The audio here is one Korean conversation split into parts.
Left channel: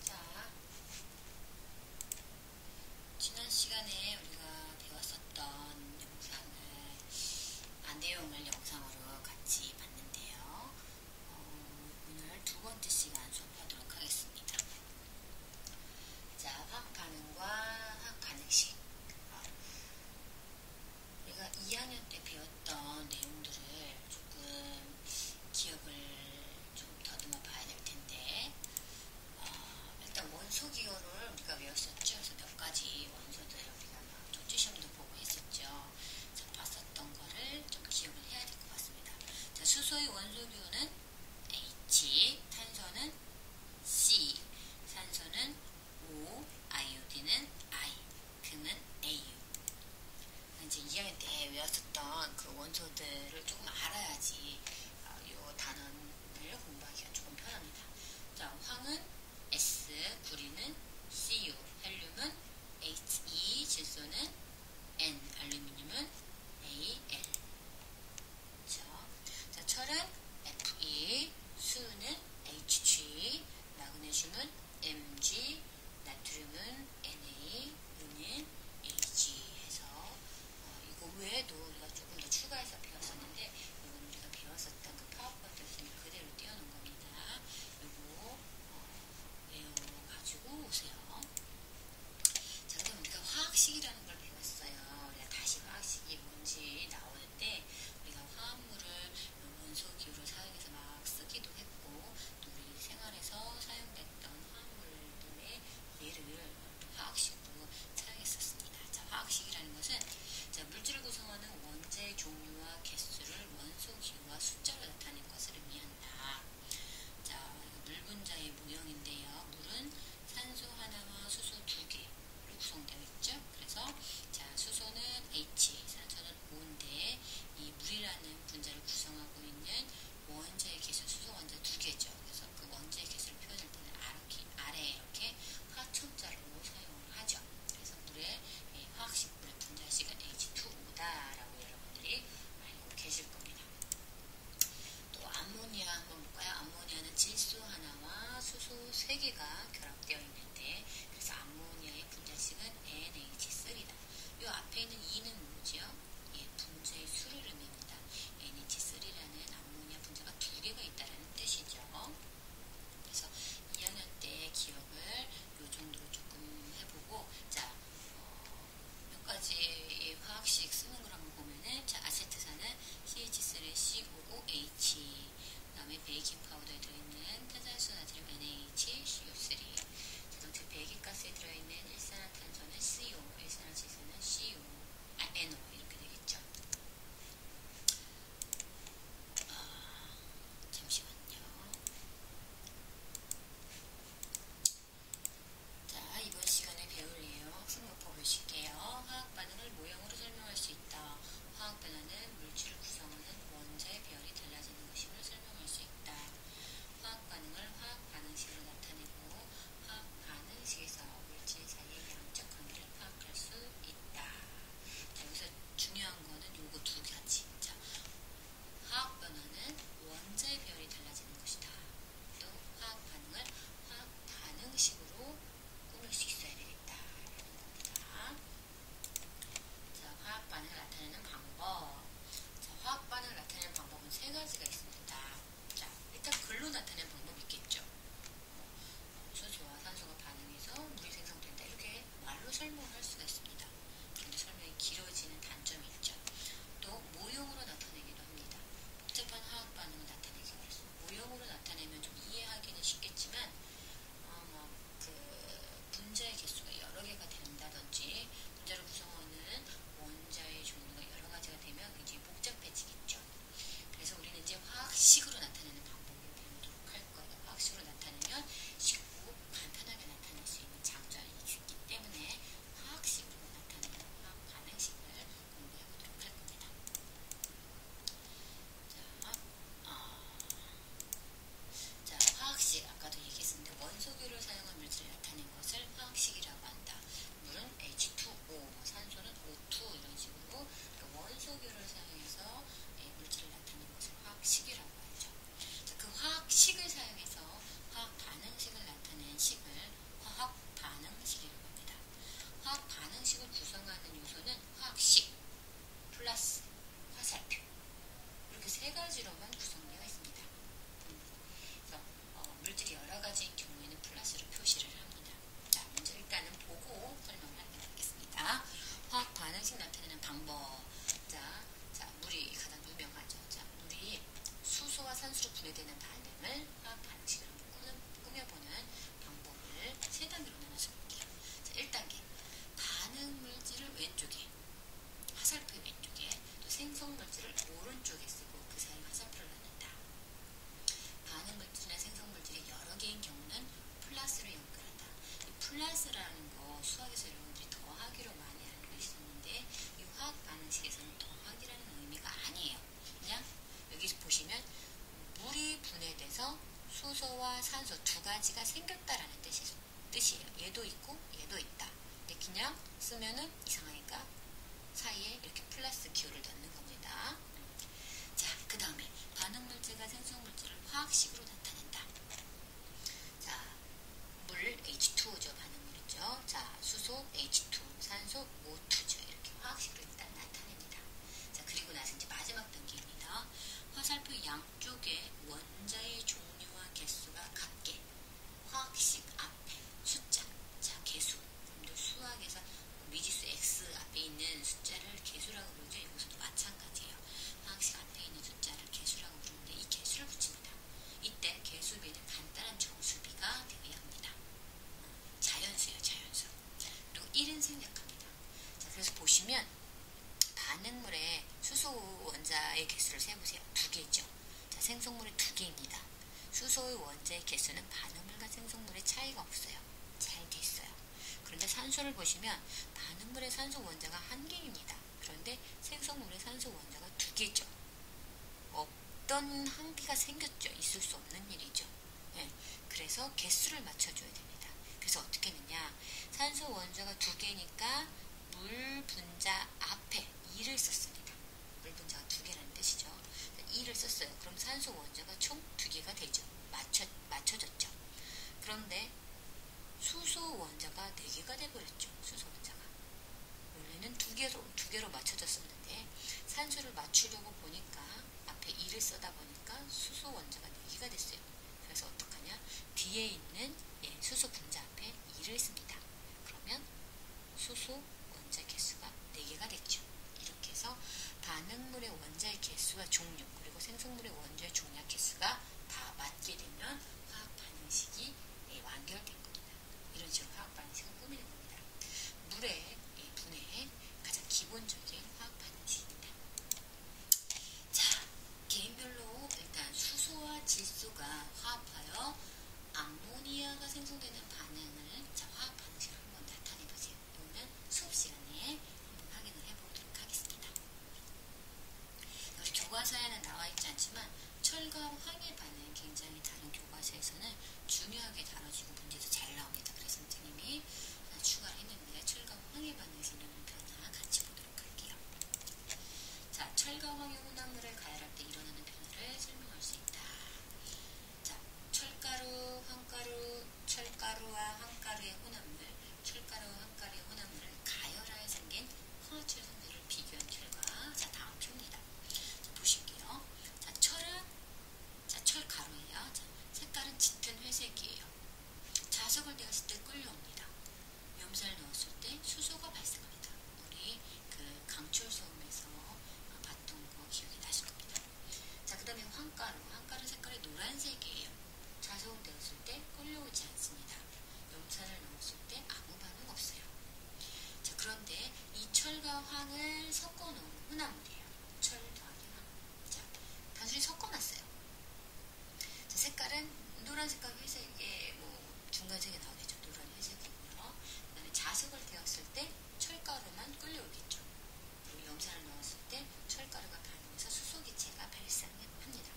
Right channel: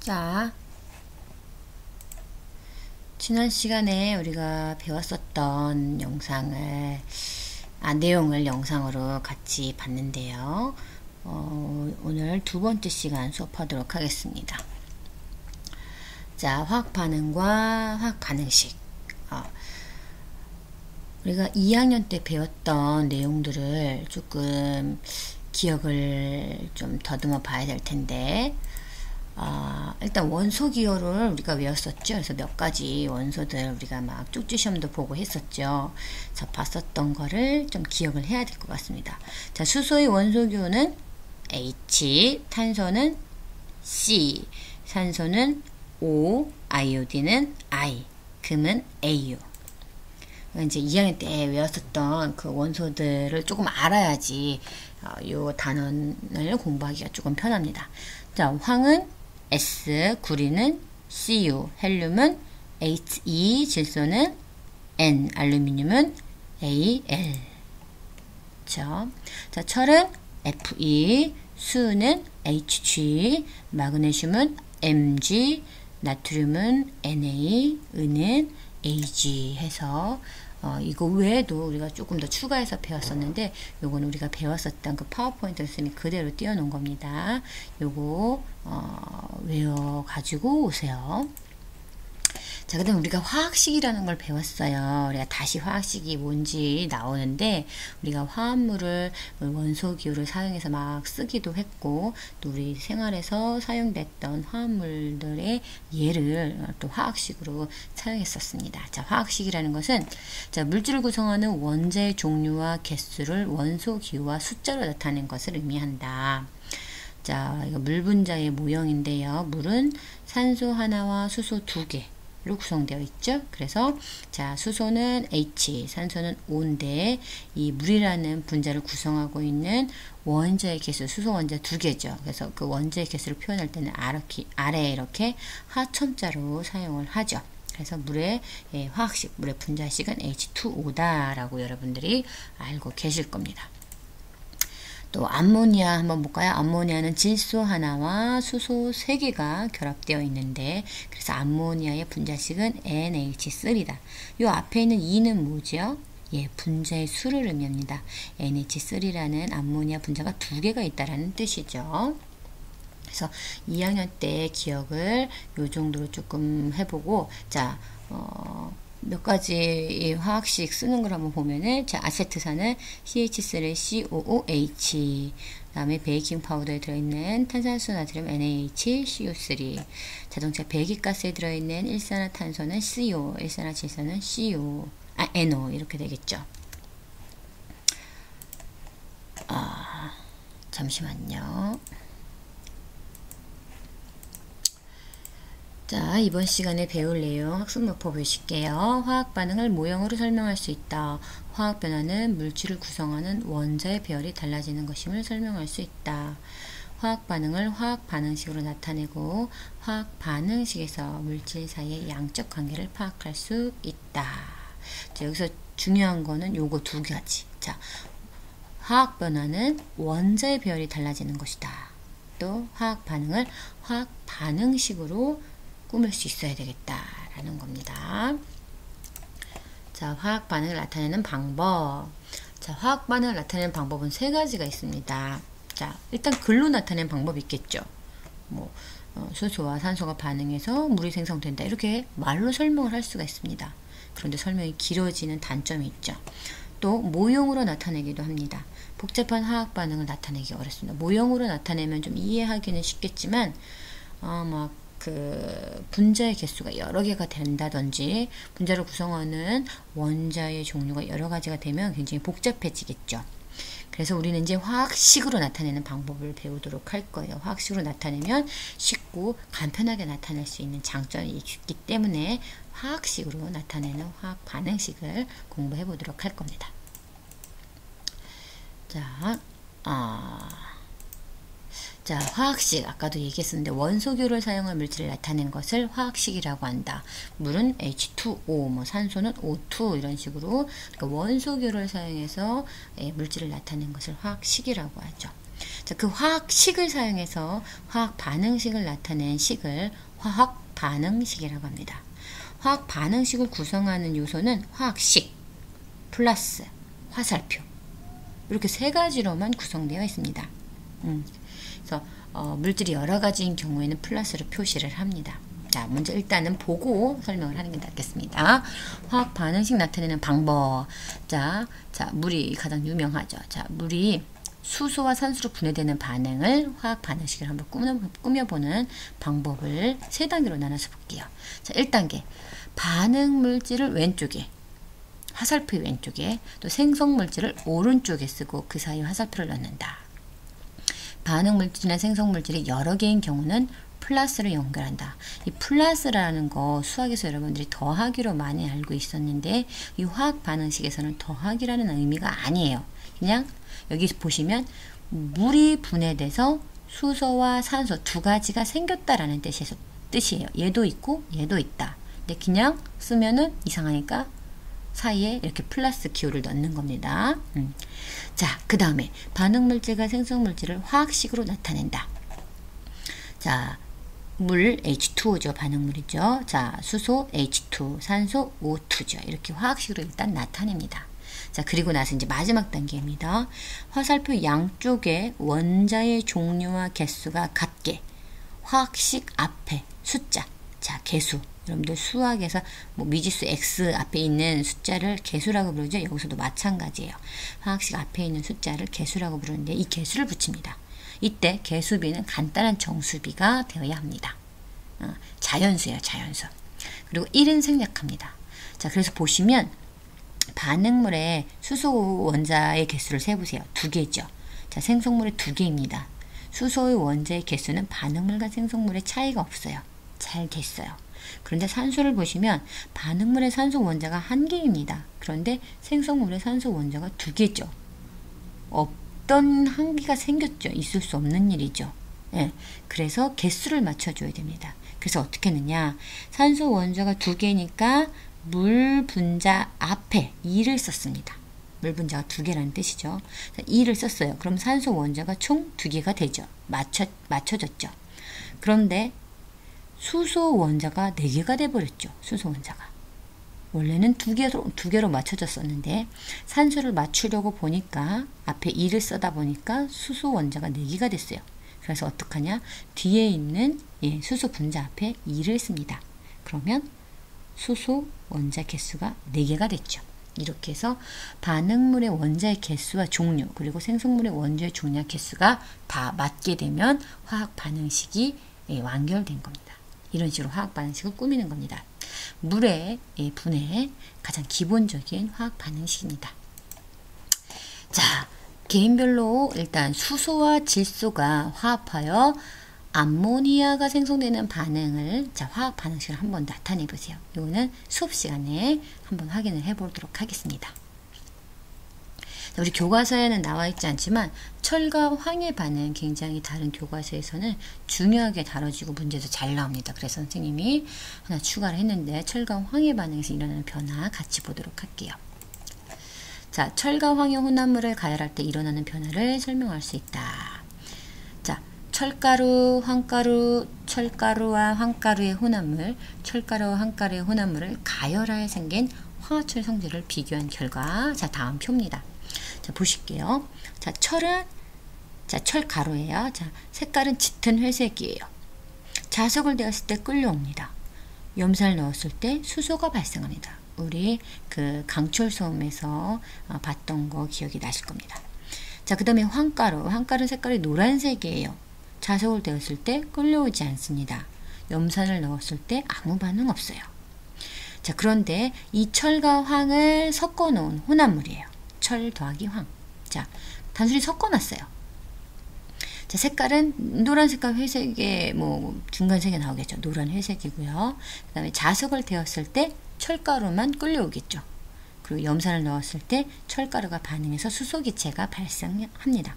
자, 지난 시간에 우리가 배웠었던 내용을 영상으로 같이 봤는데요. 오늘 두 번째 시간 수업하도록 하겠습니다. 자, 화학 반응과 화학 반응식. 우리가 2학년 때 배웠던 내용들을 조금 기억을 좀 더듬어 봐야 될 텐데, 일단 원소 기호를 우리가 외웠었죠. 그래서 몇 가지 원소들 우리가 막 쪽지 시험도 보고 했었죠. 자, 봤었던 거를 좀 기억을 해야 될 것 같습니다. 자, 수소의 원소 기호는 H, 탄소는 C, 산소는 O, 아이오딘은 I, 금은 AU. 이제 2학년 때 외웠었던 그 원소들을 조금 알아야지 이 단원을 공부하기가 조금 편합니다. 자, 황은 S, 구리는 Cu, 헬륨은 He, 질소는 N, 알루미늄은 Al. 그렇죠? 자, 철은 Fe, 수는 Hg, 마그네슘은 Mg, 나트륨은 Na, 은은 Ag 해서 이거 외에도 우리가 조금 더 추가해서 배웠었는데, 요거는 우리가 배웠었던 그 파워포인트 선생님이 그대로 띄워놓은 겁니다. 요거 외워가지고 오세요. 자, 그 다음 우리가 화학식이라는 걸 배웠어요. 우리가 다시 화학식이 뭔지 나오는데, 우리가 화합물을 원소 기호를 사용해서 막 쓰기도 했고, 또 우리 생활에서 사용됐던 화합물들의 예를 또 화학식으로 사용했었습니다. 자, 화학식이라는 것은, 자, 물질을 구성하는 원자의 종류와 개수를 원소 기호와 숫자로 나타낸 것을 의미한다. 자, 이거 물 분자의 모형인데요. 물은 산소 하나와 수소 2개 로 구성되어 있죠. 그래서 자, 수소는 H, 산소는 O인데 이 물이라는 분자를 구성하고 있는 원자의 개수, 수소 원자 2개죠. 그래서 그 원자의 개수를 표현할 때는 아래에 이렇게 하첨자로 사용을 하죠. 그래서 물의 화학식, 물의 분자식은 H2O다 라고 여러분들이 알고 계실 겁니다. 또 암모니아 한번 볼까요? 암모니아는 질소 하나와 수소 3개가 결합되어 있는데, 그래서 암모니아의 분자식은 NH3다. 이 앞에 있는 2는 뭐죠? 예, 분자의 수를 의미합니다. NH3라는 암모니아 분자가 2개가 있다라는 뜻이죠. 그래서 2학년 때 기억을 요 정도로 조금 해보고, 자, 몇 가지 화학식 쓰는 걸 한번 보면은, 자, 아세트산은 CH3COOH, 그 다음에 베이킹 파우더에 들어있는 탄산수 나트륨 NaHCO3, 자동차 배기가스에 들어있는 일산화탄소는 CO, 일산화질소는 NO, 이렇게 되겠죠. 잠시만요. 자, 이번 시간에 배울 내용 학습문법 보실게요. 화학 반응을 모형으로 설명할 수 있다. 화학 변화는 물질을 구성하는 원자의 배열이 달라지는 것임을 설명할 수 있다. 화학 반응을 화학 반응식으로 나타내고 화학 반응식에서 물질 사이의 양적 관계를 파악할 수 있다. 자, 여기서 중요한 거는 요거 2가지. 자, 화학 변화는 원자의 배열이 달라지는 것이다. 또 화학 반응을 화학 반응식으로 꾸밀 수 있어야 되겠다라는 겁니다. 자, 화학 반응을 나타내는 방법. 자, 화학 반응을 나타내는 방법은 3가지가 있습니다. 자, 일단 글로 나타내는 방법이 있겠죠. 수소와 산소가 반응해서 물이 생성된다. 이렇게 말로 설명을 할 수가 있습니다. 그런데 설명이 길어지는 단점이 있죠. 또 모형으로 나타내기도 합니다. 복잡한 화학 반응을 나타내기 어렵습니다. 모형으로 나타내면 좀 이해하기는 쉽겠지만, 분자의 개수가 여러 개가 된다든지 분자를 구성하는 원자의 종류가 여러 가지가 되면 굉장히 복잡해지겠죠. 그래서 우리는 이제 화학식으로 나타내는 방법을 배우도록 할 거예요. 화학식으로 나타내면 쉽고 간편하게 나타낼 수 있는 장점이 있기 때문에 화학식으로 나타내는 화학 반응식을 공부해 보도록 할 겁니다. 자, 화학식, 아까도 얘기했었는데 원소교를 사용한 물질을 나타낸 것을 화학식이라고 한다. 물은 H2O, 산소는 O2 이런 식으로, 그러니까 원소교를 사용해서 물질을 나타낸 것을 화학식이라고 하죠. 자, 그 화학식을 사용해서 화학 반응식을 나타낸 식을 화학 반응식이라고 합니다. 화학 반응식을 구성하는 요소는 화학식, 플러스, 화살표 이렇게 세 가지로만 구성되어 있습니다. 그래서 물질이 여러 가지인 경우에는 플러스로 표시를 합니다. 자, 먼저 일단은 보고 설명을 하는 게 낫겠습니다. 화학 반응식 나타내는 방법. 자, 물이 가장 유명하죠. 자, 물이 수소와 산소로 분해되는 반응을 화학 반응식을 한번 꾸며보는 방법을 세 단계로 나눠서 볼게요. 자, 1단계. 반응 물질을 왼쪽에, 화살표 왼쪽에, 또 생성 물질을 오른쪽에 쓰고 그 사이에 화살표를 넣는다. 반응 물질이나 생성 물질이 여러 개인 경우는 플러스를 연결한다. 이 플러스라는 거 수학에서 여러분들이 더하기로 많이 알고 있었는데 이 화학 반응식에서는 더하기라는 의미가 아니에요. 그냥 여기 보시면 물이 분해돼서 수소와 산소 두 가지가 생겼다라는 뜻이에요. 얘도 있고 얘도 있다. 근데 그냥 쓰면은 이상하니까 사이에 이렇게 플러스 기호를 넣는 겁니다. 자, 그 다음에 반응 물질과 생성 물질을 화학식으로 나타낸다. 자, 물 H2O죠. 반응물이죠. 자, 수소 H2, 산소 O2죠. 이렇게 화학식으로 일단 나타냅니다. 자, 그리고 나서 이제 마지막 단계입니다. 화살표 양쪽에 원자의 종류와 개수가 같게 화학식 앞에 숫자, 자, 개수. 여러분들 수학에서 뭐 미지수 X 앞에 있는 숫자를 개수라고 부르죠. 여기서도 마찬가지예요. 화학식 앞에 있는 숫자를 개수라고 부르는데 이 개수를 붙입니다. 이때 개수비는 간단한 정수비가 되어야 합니다. 자연수예요. 자연수. 그리고 1은 생략합니다. 자, 그래서 보시면 반응물의 수소 원자의 개수를 세보세요. 2개죠. 자, 생성물의 2개입니다. 수소의 원자의 개수는 반응물과 생성물의 차이가 없어요. 잘 됐어요. 그런데 산소를 보시면 반응물의 산소 원자가 1개입니다. 그런데 생성물의 산소 원자가 2개죠. 없던 한계가 생겼죠. 있을 수 없는 일이죠. 예, 그래서 개수를 맞춰줘야 됩니다. 그래서 어떻게 하느냐. 산소 원자가 2개니까 물 분자 앞에 2를 썼습니다. 물 분자가 2개라는 뜻이죠. 2를 썼어요. 그럼 산소 원자가 총 2개가 되죠. 맞춰졌죠. 그런데 수소 원자가 4개가 돼버렸죠. 수소 원자가. 원래는 2개로 맞춰졌었는데 산소를 맞추려고 보니까 앞에 2를 써다 보니까 수소 원자가 4개가 됐어요. 그래서 어떡하냐? 뒤에 있는 수소 분자 앞에 2를 씁니다. 그러면 수소 원자 개수가 4개가 됐죠. 이렇게 해서 반응물의 원자의 개수와 종류 그리고 생성물의 원자의 종류와 개수가 다 맞게 되면 화학 반응식이 완결된 겁니다. 이런 식으로 화학 반응식을 꾸미는 겁니다. 물의 분해 가장 기본적인 화학 반응식입니다. 자, 개인별로 일단 수소와 질소가 화합하여 암모니아가 생성되는 반응을 화학 반응식을 한번 나타내 보세요. 이거는 수업 시간에 한번 확인을 해 보도록 하겠습니다. 우리 교과서에는 나와 있지 않지만 철과 황의 반응 굉장히 다른 교과서에서는 중요하게 다뤄지고 문제도 잘 나옵니다. 그래서 선생님이 하나 추가를 했는데 철과 황의 반응에서 일어나는 변화 같이 보도록 할게요. 자, 철과 황의 혼합물을 가열할 때 일어나는 변화를 설명할 수 있다. 자, 철가루, 황가루, 철가루와 황가루의 혼합물, 철가루와 황가루의 혼합물을 가열하여 생긴 화합철 성질을 비교한 결과, 자, 다음 표입니다. 자, 보실게요. 자, 철은, 철가루예요. 자, 색깔은 짙은 회색이에요. 자석을 데웠을 때 끌려옵니다. 염산을 넣었을 때 수소가 발생합니다. 우리 그 강철소음에서 봤던 거 기억이 나실 겁니다. 자, 그 다음에 황가루 색깔이 노란색이에요. 자석을 데웠을 때 끌려오지 않습니다. 염산을 넣었을 때 아무 반응 없어요. 자, 그런데 이 철과 황을 섞어 놓은 혼합물이에요. 철 더하기 황. 자, 단순히 섞어놨어요. 자, 색깔은 노란 색깔 회색에 중간색이 나오겠죠. 노란 회색이고요. 그 다음에 자석을 데웠을 때 철가루만 끌려오겠죠. 그리고 염산을 넣었을 때 철가루가 반응해서 수소기체가 발생합니다.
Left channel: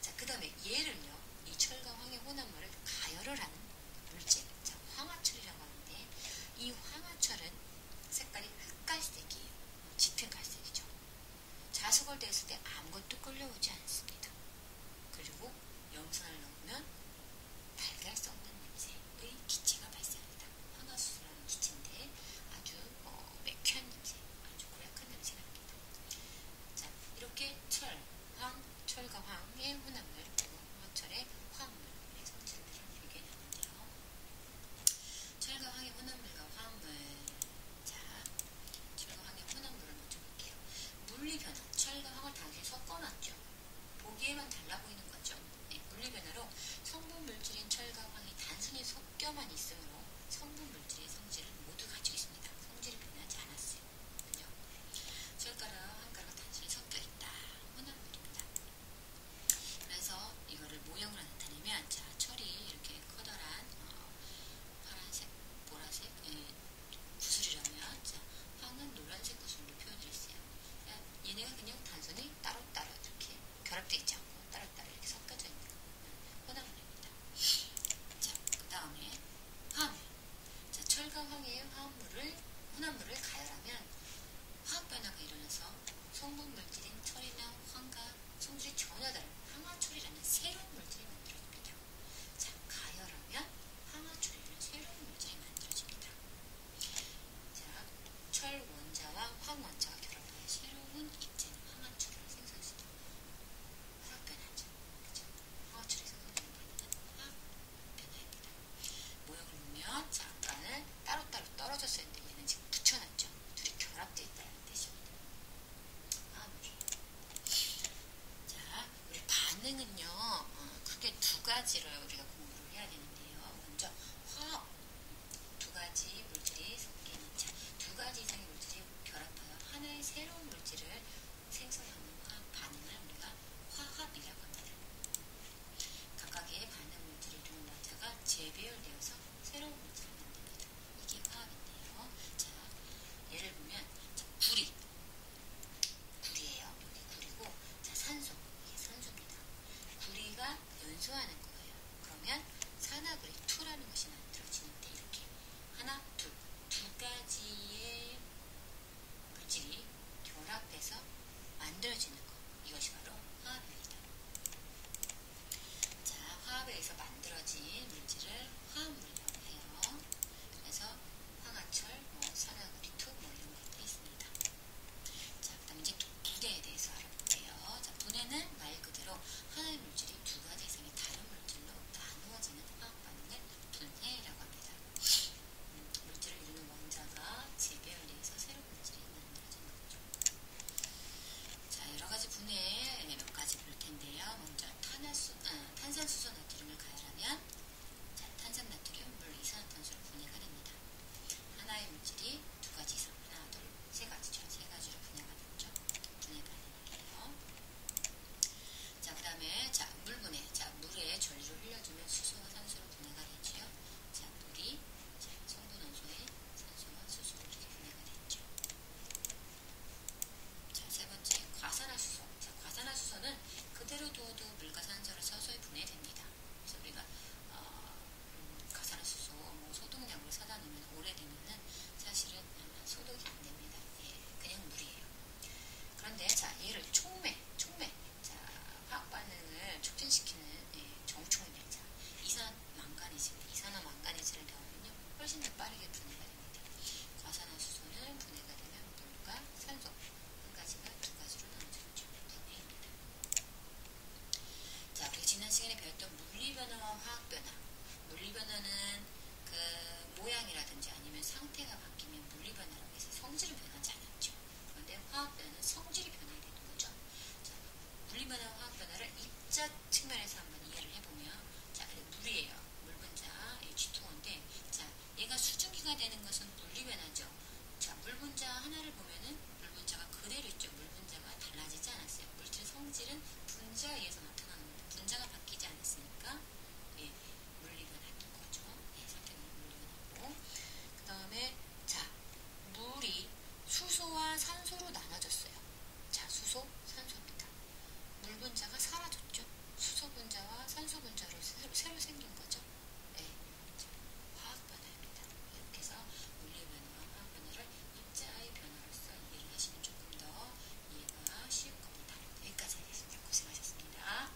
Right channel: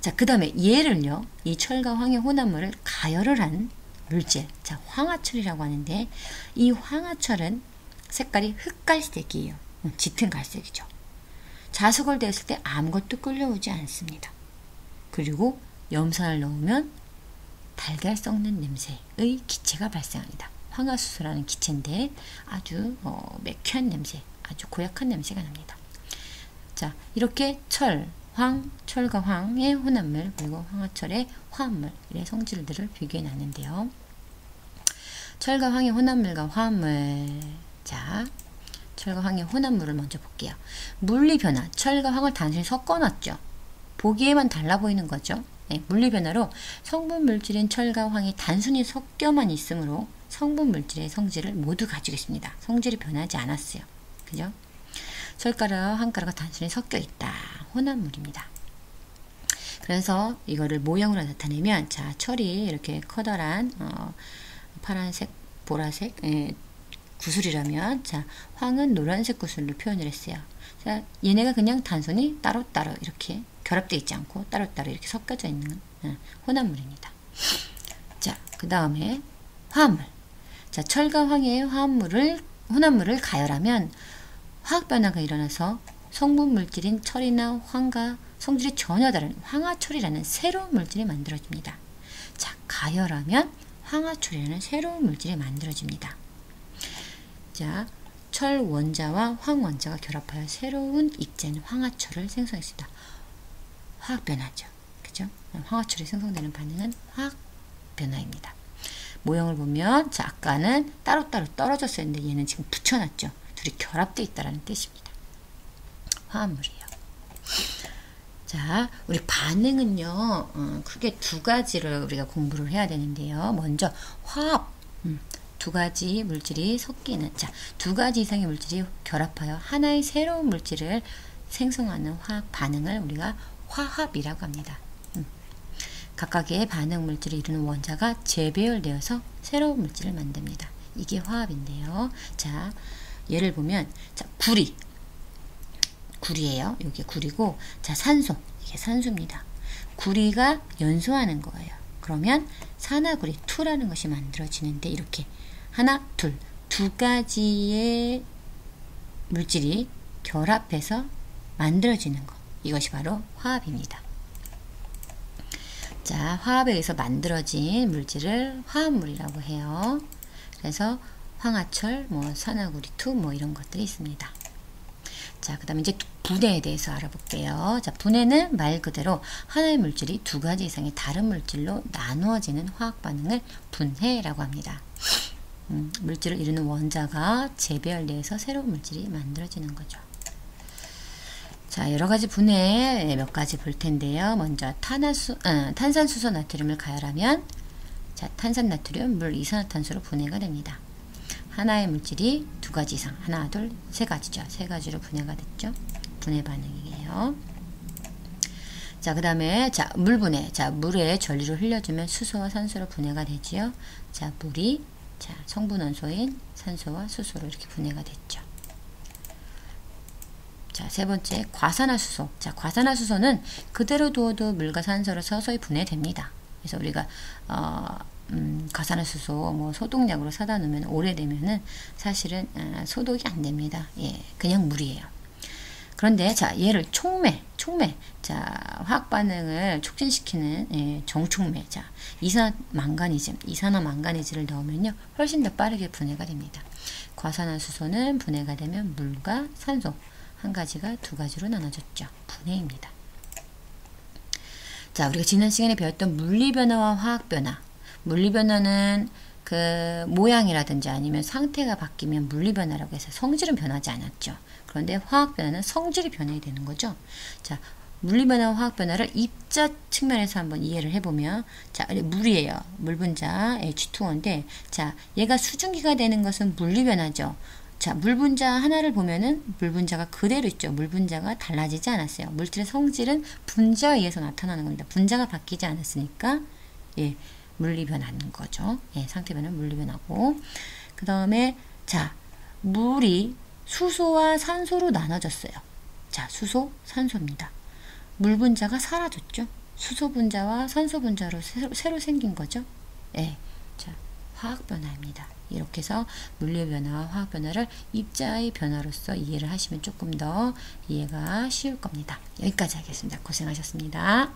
자, 그 다음에 얘를요, 이 철과 황의 혼합물을 가열을 한 물질, 자, 황화철이라고 하는데 이 황화철은 색깔이 흑갈색이에요. 짙은 갈색이죠. 자석을 댔을 때 아무것도 끌려오지 않습니다. 그리고 염산을 넣으면 달걀 썩는 냄새의 기체가 발생합니다. 황화수소라는 기체인데 아주 매캐한 냄새, 아주 고약한 냄새가 납니다. 자, 이렇게 철과 황의 혼합물, 그리고 황화철의 화합물의 성질들을 비교해 놨는데요. 철과 황의 혼합물과 화합물. 자, 철과 황의 혼합물을 먼저 볼게요. 물리변화, 철과 황을 단순히 섞어놨죠. 보기에만 달라 보이는 거죠. 네, 물리변화로 성분 물질인 철과 황이 단순히 섞여만 있으므로 성분 물질의 성질을 모두 가지고 있습니다. 성질이 변하지 않았어요. 그죠? 철가루와 황가루가 단순히 섞여 있다. 혼합물입니다. 그래서 이거를 모형으로 나타내면, 자, 철이 이렇게 커다란 파란색, 보라색 구슬이라면, 자, 황은 노란색 구슬로 표현을 했어요. 자, 얘네가 그냥 단순히 따로따로 이렇게 결합되어 있지 않고 따로따로 이렇게 섞여져 있는 혼합물입니다. 자, 그 다음에 화합물. 자, 철과 황의 혼합물을 가열하면 화학 변화가 일어나서 성분 물질인 철이나 황과 성질이 전혀 다른 황화철이라는 새로운 물질이 만들어집니다. 자, 가열하면 황화철이라는 새로운 물질이 만들어집니다. 자, 철 원자와 황 원자가 결합하여 새로운 입자인 황화철을 생성했습니다. 화학 변화죠. 그죠? 황화철이 생성되는 반응은 화학 변화입니다. 모형을 보면, 자, 아까는 따로따로 떨어졌었는데 얘는 지금 붙여놨죠. 둘이 결합되어 있다는 뜻입니다. 화합물이에요. 자, 우리 반응은요, 크게 두 가지를 우리가 공부를 해야 되는데요. 먼저 화합, 두 가지 물질이 섞이는, 자, 두 가지 이상의 물질이 결합하여 하나의 새로운 물질을 생성하는 화학 반응을 우리가 화합이라고 합니다. 각각의 반응 물질을 이루는 원자가 재배열되어서 새로운 물질을 만듭니다. 이게 화합인데요. 자, 예를 보면, 자, 구리예요. 이게 구리고, 자, 산소, 이게 산소입니다. 구리가 연소하는 거예요. 그러면 산화구리 2라는 것이 만들어지는데, 이렇게 하나, 두 가지의 물질이 결합해서 만들어지는 것, 이것이 바로 화합입니다. 자, 화합에 의해서 만들어진 물질을 화합물이라고 해요. 그래서 황화철, 산화구리 2, 이런 것들이 있습니다. 자, 그 다음에 이제 분해에 대해서 알아볼게요. 자, 분해는 말 그대로 하나의 물질이 두 가지 이상의 다른 물질로 나누어지는 화학 반응을 분해라고 합니다. 물질을 이루는 원자가 재배열돼서 새로운 물질이 만들어지는 거죠. 자, 여러 가지 분해 몇 가지 볼 텐데요. 먼저 탄산수소 나트륨을 가열하면, 자, 탄산나트륨, 물, 이산화탄소로 분해가 됩니다. 하나의 물질이 두 가지 이상, 하나, 둘, 세 가지죠. 세 가지로 분해가 됐죠. 분해 반응이에요. 자, 그 다음에, 자, 물 분해. 자, 물에 전류를 흘려주면 수소와 산소로 분해가 되지요. 자, 물이, 자, 성분 원소인 산소와 수소로 이렇게 분해가 됐죠. 자, 세 번째, 과산화수소. 자, 과산화수소는 그대로 두어도 물과 산소로 서서히 분해됩니다. 그래서 우리가, 과산화수소, 소독약으로 사다 놓으면 오래되면은 사실은, 소독이 안 됩니다. 예, 그냥 물이에요. 그런데, 자, 얘를 촉매. 자, 화학 반응을 촉진시키는, 정촉매. 자, 이산화망가니즈를 넣으면요, 훨씬 더 빠르게 분해가 됩니다. 과산화수소는 분해가 되면 물과 산소, 한 가지가 두 가지로 나눠졌죠. 분해입니다. 자, 우리가 지난 시간에 배웠던 물리변화와 화학변화. 물리변화는 그 모양이라든지 아니면 상태가 바뀌면 물리변화라고 해서 성질은 변하지 않았죠. 그런데 화학변화는 성질이 변해야 되는 거죠. 자, 물리변화와 화학변화를 입자 측면에서 한번 이해를 해보면, 자, 물이에요. 물분자 H2O인데, 자, 얘가 수증기가 되는 것은 물리변화죠. 자, 물분자 하나를 보면은 물분자가 그대로 있죠. 물분자가 달라지지 않았어요. 물질의 성질은 분자에 의해서 나타나는 겁니다. 분자가 바뀌지 않았으니까, 예, 물리변화인 거죠. 예, 상태 변화는 물리변화고. 그 다음에, 자, 물이 수소와 산소로 나눠졌어요. 자, 수소, 산소입니다. 물분자가 사라졌죠. 수소 분자와 산소 분자로 새로 생긴 거죠. 예, 자, 화학 변화입니다. 이렇게 해서 물리의 변화와 화학 변화를 입자의 변화로서 이해를 하시면 조금 더 이해가 쉬울 겁니다. 여기까지 하겠습니다. 고생하셨습니다.